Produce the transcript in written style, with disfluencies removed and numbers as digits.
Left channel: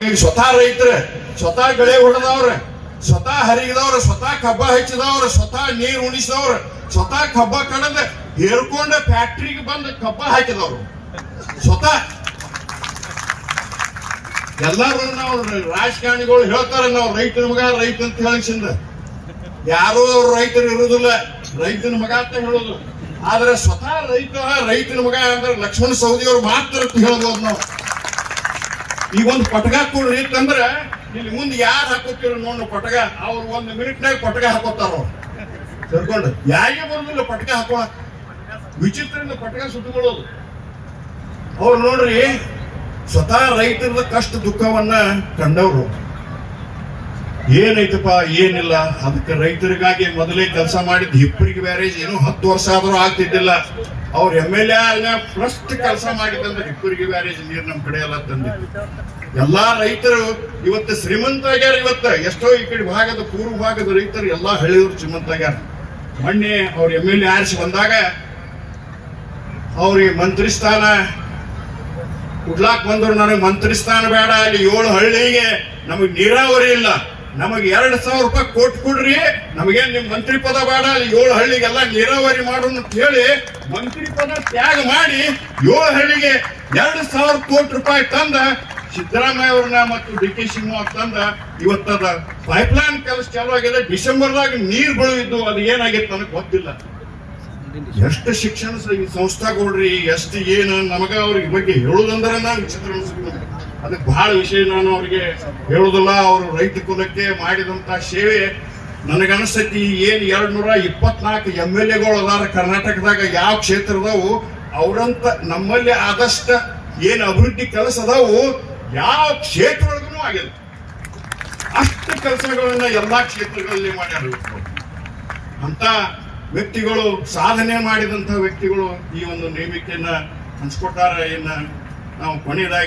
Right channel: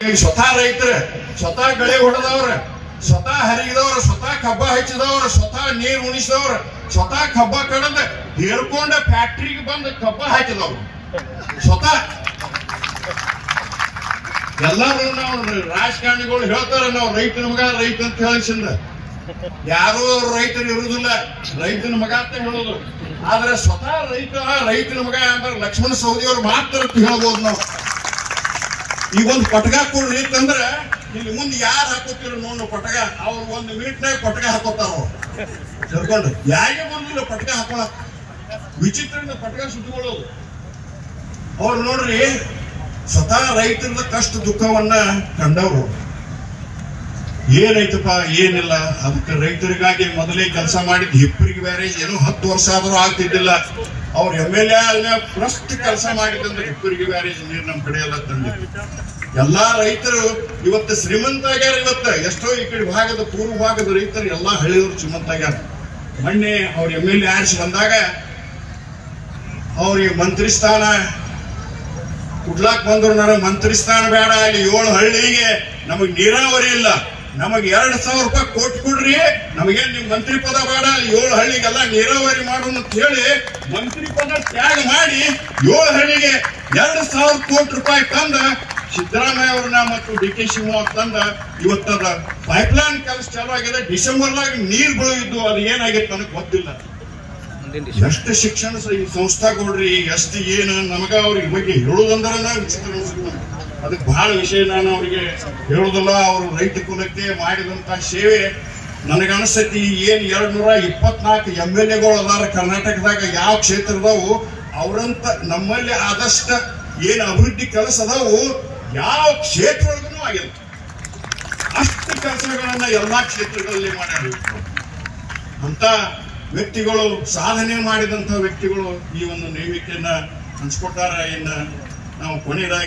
ಸ್ವತಃ ರೈತರ, ಸ್ವತಃ ಬೆಳೆ ಹೊಡೆದವ್ರ, ಸ್ವತಃ ಹರಿದವ್ರ, ಸ್ವತಃ ಕಬ್ಬ ಹಚ್ಚಿದವ್ರ, ಸ್ವತಃ ನೀರು ಉಣಿಸಿದವ್ರ, ಸ್ವತಃ ಕಬ್ಬ ಕಡದ ಹೇರ್ಕೊಂಡ ಫ್ಯಾಕ್ಟ್ರಿಗೆ ಬಂದ ಕಬ್ಬ ಹಾಕಿದವ್ರು ಸ್ವತಃ. ಎಲ್ಲರೂ ನಾವು ರಾಜಕಾರಣಿಗಳು ಹೇಳ್ತಾರ ನಾವು ರೈತನ ಮಗ ರೈತ ಅಂತ ಹೇಳಿಸಿಂದ, ಯಾರೋ ಅವ್ರು ರೈತರು ಇರುವುದಿಲ್ಲ, ರೈತನ ಮಗ ಅಂತ ಹೇಳೋದು. ಆದ್ರೆ ಸ್ವತಃ ರೈತನ ಮಗ ಅಂದ್ರೆ ಲಕ್ಷ್ಮಣ ಸವದಿಯವ್ರು ಮಾತ್ರ ಹೇಳ್ಬೋದು ನಾವು. ಈಗ ಒಂದು ಪಟಕ ಕೊಡ್ರಿ ಅಂದ್ರ ಇಲ್ಲಿ ಮುಂದೆ ಯಾರು ಹಾಕೋತಿರ ನೋಡು ಪಟಕ, ಅವ್ರು 1 ಮಿನಿಟ್ನಾಗ ಪಟಕ ಹಾಕೋತಾರ. ಅವ್ರು ತಿಳ್ಕೊಂಡು ಯಾರಿಗೆ ಬಂದಿಲ್ಲ ಪಟಕ ಹಾಕೋ ವಿಚಿತ್ರದಿಂದ ಪಟಕ ಸುತ್ತಕೊಳ್ಳೋದು. ಅವ್ರು ನೋಡ್ರಿ ಸ್ವತಃ ರೈತರ ಕಷ್ಟ ದುಃಖವನ್ನ ಕಂಡವ್ರು. ಏನೈತಪ್ಪ ಏನಿಲ್ಲ, ಅದಕ್ಕೆ ರೈತರಿಗಾಗಿ ಮೊದಲೇ ಕೆಲಸ ಮಾಡಿದ್ ಹಿಪ್ಪರಿಗೆ ಬ್ಯಾರೇಜ್ ಏನು 10 ವರ್ಷ ಆದ್ರೂ ಆಗ್ತಿದ್ದಿಲ್ಲ. ಅವ್ರ MLA ಫಸ್ಟ್ ಕೆಲಸ ಮಾಡಿದಂದ್ರೆ ಹಿಪ್ಪರಿಗೆ ಬ್ಯಾರೇಜ್ ನೀರು ನಮ್ ಕಡೆ ಎಲ್ಲ ತಂದಿದ್ರು. ಎಲ್ಲಾ ರೈತರು ಇವತ್ತು ಶ್ರೀಮಂತ ಆಗ್ಯಾರ. ಇವತ್ತ ಎಷ್ಟೋ ಈ ಕಡೆ ಭಾಗದ ಪೂರ್ವ ಭಾಗದ ರೈತರು ಎಲ್ಲಾ ಹಳ್ಳಿಯವರು ಶ್ರೀಮಂತ ಆಗ್ಯಾರ. ಮೊನ್ನೆ ಅವ್ರ MLA ಆರಿಸಿ ಬಂದಾಗ ಅವ್ರಿಗೆ ಮಂತ್ರಿ ಸ್ಥಾನ ಕೊಡ್ಲಾಕ್ ಬಂದ್ರು. ನನಗೆ ಮಂತ್ರಿ ಸ್ಥಾನ ಬೇಡ, ಅಲ್ಲಿ 7 ಹಳ್ಳಿಗೆ ನಮಗ್ ನೀರಾವರಿ ಇಲ್ಲ, ನಮಗೆ 2,000 ರೂಪಾಯಿ ಕೊಟ್ಟು ಕೊಡ್ರಿ, ನಮಗೇನ್ ನಿಮ್ ಮಂತ್ರಿ ಪದ ಬೇಡ, ಅಲ್ಲಿ 7 ಹಳ್ಳಿಗೆಲ್ಲ ನೀರಾವರಿ ಮಾಡೋಣ ಅಂತ ಹೇಳಿ ಮಂತ್ರಿ ಪದ ತ್ಯಾಗ ಮಾಡಿ 7 ಹಳ್ಳಿಗೆ 2,000 ಕೋಟಿ ರೂಪಾಯಿ ತಂದ ಸಿದ್ದರಾಮಯ್ಯ ಅವ್ರನ್ನ ಮತ್ತು DK ಶಿವಕುಮಾರ್ ತಂದ. ಇವತ್ತದ ಪೈಪ್ಲೈನ್ ಕೆಲಸ ಚಾಲು ಆಗಿದೆ. ಡಿಸೆಂಬರ್ದಾಗ ನೀರ್ ಬೀಳಿದ್ದು ಅದು ಏನಾಗಿತ್ತು ನನಗೆ ಗೊತ್ತಿಲ್ಲ. ಎಷ್ಟು ಶಿಕ್ಷಣ ಸಂಸ್ಥೆಗಳ್ರಿ, ಎಷ್ಟು ಏನು ನಮಗ ಅವ್ರಿಗೆ ಬಗ್ಗೆ ಹೇಳುದಂದ್ರೆ ನಾವು ವಿಚಿತ್ರ ಅನ್ಸುತ್ತೆ. ಅದಕ್ಕೆ ಬಹಳ ವಿಷಯ ನಾನು ಅವ್ರಿಗೆ ಹೇಳುದಿಲ್ಲ. ಅವರು ರೈತ ಕುಲಕ್ಕೆ ಮಾಡಿದಂತ ಸೇವೆ ನನಗನ್ಸತಿ. ಏನ್ 224 MLAಗಳು ಅದಾರ ಕರ್ನಾಟಕದಾಗ, ಯಾವ ಕ್ಷೇತ್ರದವು ಅವರಂತ ನಮ್ಮಲ್ಲಿ ಆದಷ್ಟ ಏನ್ ಅಭಿವೃದ್ಧಿ ಕೆಲಸ ಅದಾವು ಯಾವ ಕ್ಷೇತ್ರಗಳಿಗೂ ಆಗಿದೆ. ಅಷ್ಟು ಕೆಲಸಗಳನ್ನ ಎಲ್ಲಾ ಕ್ಷೇತ್ರಗಳಲ್ಲಿ ಮಾಡ್ಯಾರ. ಅಂತ ವ್ಯಕ್ತಿಗಳು, ಸಾಧನೆ ಮಾಡಿದಂತ ವ್ಯಕ್ತಿಗಳು ಈ ಒಂದು ನೇಮಿಕೆಯನ್ನ ಹಂಚ್ಕೊಟ್ಟಾರ. ಇನ್ನ ನಾವು ಕೊನೆಯದಾಗಿ